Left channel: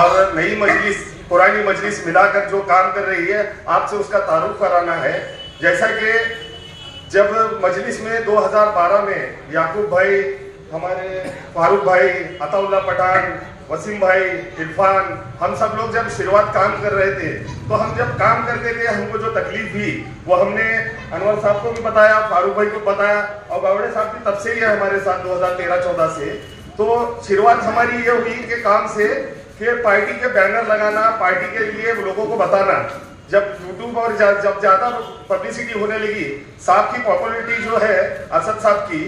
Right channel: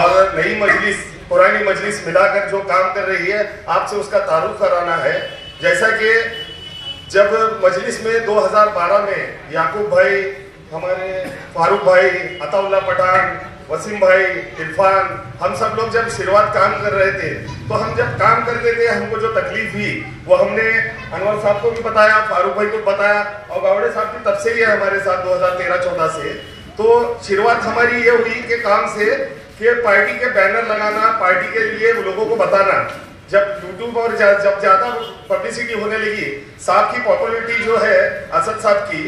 और नई मजलिस पुरानी मजलिस मिलाकर जो काम कर रही है, आपसे उसका तारुफ कराना है। जैसा कि जब मजलिस में 2012 में याकूब भाई, हमारे फारूक भाई, अताउल्लाह पठान, वसीम भाई, इरफान, हम सब लोग जब शुरुआत काम कर रहे थे, तो हम जब काम करते थे हमको जो तकलीफ हुई वो हमने अनवर साहब को भी बताया, फारूक भाई को बताया, और गावड़े साहब की तब से ही है हमारे साथ 2013-14 से। तो शुरुआत हमारी ये हुई कि काम से कि पार्टी के बैनर लगाना, पार्टी के लिए लोगों को बताना। जब यूट्यूब और जब ज्यादा पब्लिसिटी होने लगी, साहब की पॉपुलरिटी जो है असद साहब की,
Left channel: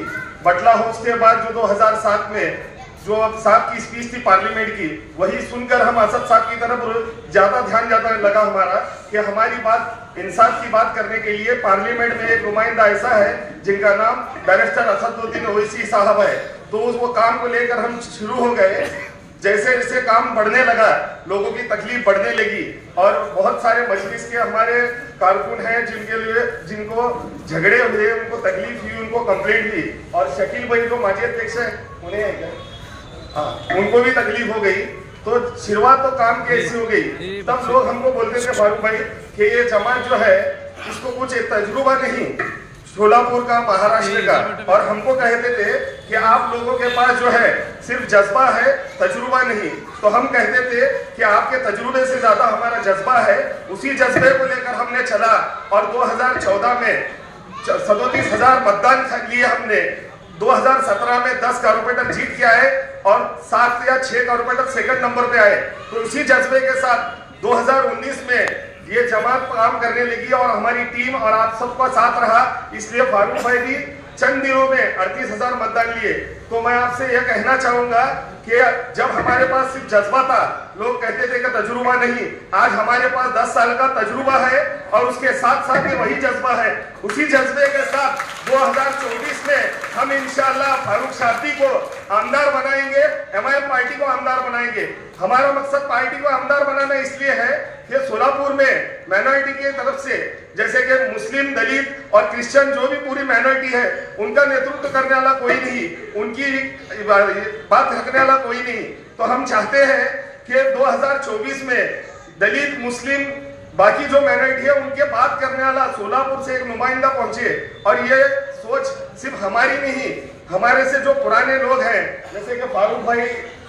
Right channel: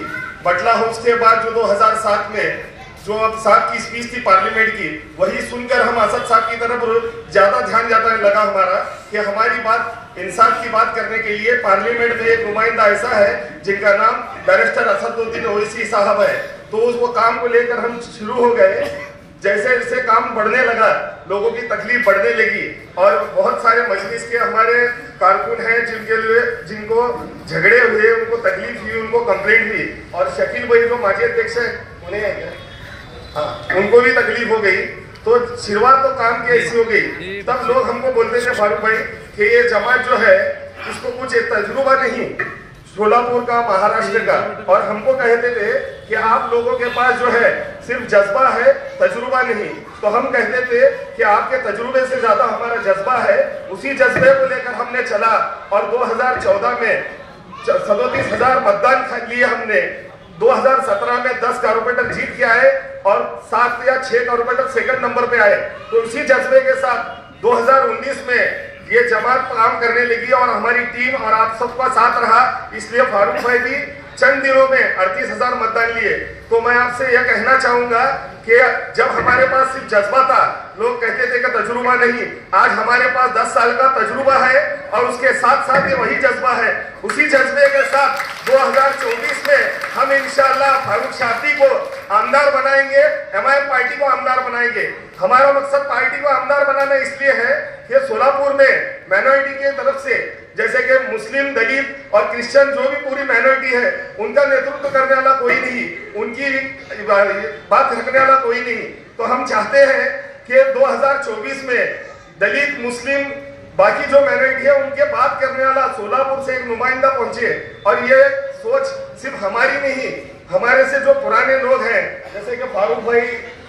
बटला हाउस के बाद जो 2007 में जो अब साहब की स्पीच थी पार्लियामेंट की, वही सुनकर हम असद साहब की तरफ ज्यादा ध्यान जाता लगा हमारा कि हमारी बात इंसाफ की बात करने के लिए पार्लियामेंट में एक नुमाइंदा ऐसा है जिनका नाम बैरिस्टर असदुद्दीन ओवैसी साहब है। तो वो काम को लेकर हम शुरू हो गए। जैसे जैसे काम बढ़ने लगा, लोगों की तकलीफ बढ़ने लगी, और बहुत सारे मजलिस के हमारे कारकुन हैं जिनको झगड़े हुए, उनको तकलीफ हुई, उनको कंप्लेंट हुई, और शकील भाई जो माजी अध्यक्ष है उन्हें उनको भी तकलीफ हो गई। तो शुरुआत तो काम की ऐसी हो गई, तब लोग हमको बोलते थे फारूक भाई कि ये जमात जो है इसको कुछ तजुर्बा नहीं, सोलापुर का, महाराष्ट्र का, और हमको कहते थे कि आप लोगों के पास जो है सिर्फ जज्बा है, तजुर्बा नहीं। तो हम कहते थे कि आपके तजुर्बे से ज्यादा हमारा जज्बा है। उसी जज्बे को लेकर हमने चला, और 2014 में 37,000 मतदान लिए हमने। 2017 में 10 कारपोरेटर जीत के आए और 7 या 6 कारपोरेटर सेकंड नंबर पे आए। तो इसी जज्बे के साथ 2019 में ये जमात काम करने लगी, और हमारी टीम और आप सबका साथ रहा। इसलिए फारूक भाई भी चंद दिनों में 38,000 मतदान लिए। तो मैं आपसे यह कहना चाहूंगा कि जब हमारे पास सिर्फ जज्बा था, लोग कहते थे कि तजुर्बा नहीं, आज हमारे पास 10 साल का तजुर्बा है, और उसके साथ साथ ये वही जज्बा है। उसी जज्बे के साथ 2024 में हम इंशाअल्लाह फारूक शाब्दी को आमदार बनाएंगे, एमआईएम पार्टी को आमदार बनाएंगे। हमारा मकसद पार्टी को आमदार बनाना इसलिए है कि सोलापुर में माइनॉरिटी की तरफ से, जैसे कि मुस्लिम, दलित और क्रिश्चियन जो भी पूरी माइनॉरिटी है, उनका नेतृत्व करने वाला कोई नहीं, उनकी बात रखने वाला कोई नहीं। तो हम चाहते हैं कि 2024 में दलित, मुस्लिम, बाकी जो माइनॉरिटी है उनके बात करने वाला सोलापुर से एक नुमाइंदा पहुंचे। और ये सोच सिर्फ हमारी नहीं, हमारे से जो पुराने लोग हैं, जैसे कि फारूक भाई,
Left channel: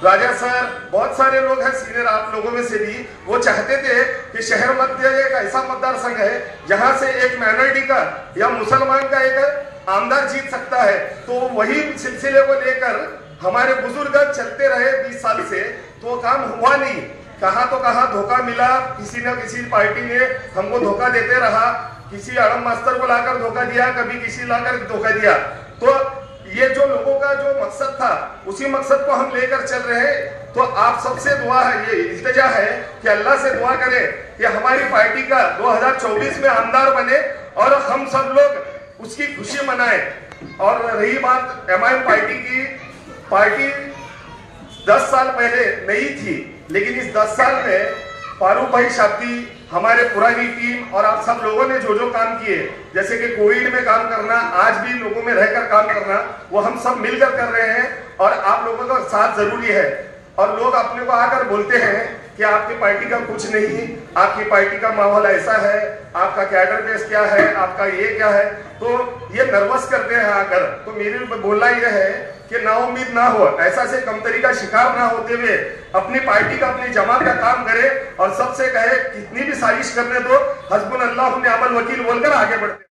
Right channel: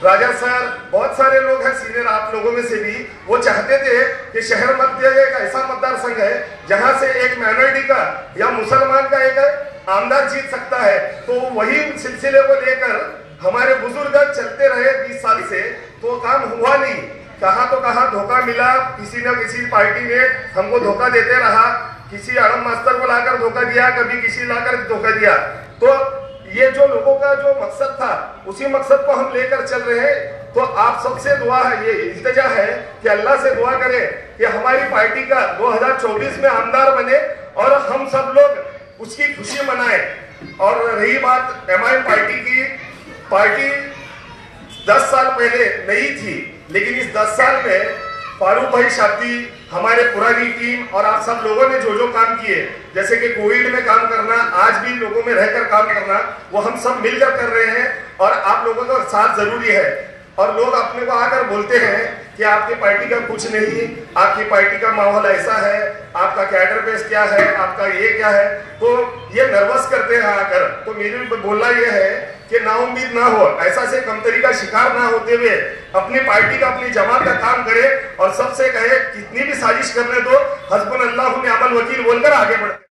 राजा सर, बहुत सारे लोग हैं सीनियर आप लोगों में से भी, वो चाहते थे कि शहर मध्य एक ऐसा मतदार संघ है जहां से एक माइनॉरिटी का या मुसलमान का एक आमदार जीत सकता है। तो वही सिलसिले को लेकर हमारे बुजुर्ग चलते रहे 20 साल से, तो काम हुआ नहीं। कहाँ तो कहाँ धोखा मिला, किसी न किसी पार्टी ने हमको धोखा देते रहा, किसी आड़म मास्टर को लाकर धोखा दिया, कभी किसी लाकर धोखा दिया। तो ये जो लोगों का जो मकसद था, उसी मकसद को हम लेकर चल रहे हैं। तो आप सबसे दुआ है, ये इल्तिजा है कि अल्लाह से दुआ करें कि हमारी पार्टी का 2024 में आमदार बने, और हम सब लोग उसकी खुशी मनाएं। और रही बात एमआईएम पार्टी की, पार्टी 10 साल पहले नहीं थी, लेकिन इस 10 साल में फारूक भाई शाब्दी, हमारे पुरानी टीम और आप सब लोगों ने जो जो काम किए, जैसे कि कोविड में काम करना, आज भी लोगों में रहकर काम करना, वो हम सब मिलकर कर रहे हैं, और आप लोगों का साथ जरूरी है। और लोग अपने को आकर बोलते हैं कि आपकी पार्टी का कुछ नहीं, आपकी पार्टी का माहौल ऐसा है, आपका कैडर बेस क्या है, आपका ये क्या है, तो ये नर्वस करते हैं आकर। तो मेरी बोलना ये है कि नाउम्मीद ना हो, ऐसा से कमतरी का शिकार ना होते हुए अपनी पार्टी का, अपनी जमात का काम करे, और सबसे कहे कितनी भी साजिश करने दो, हस्बुनल्लाहु निअमल वकील बोलकर आगे बढ़ते।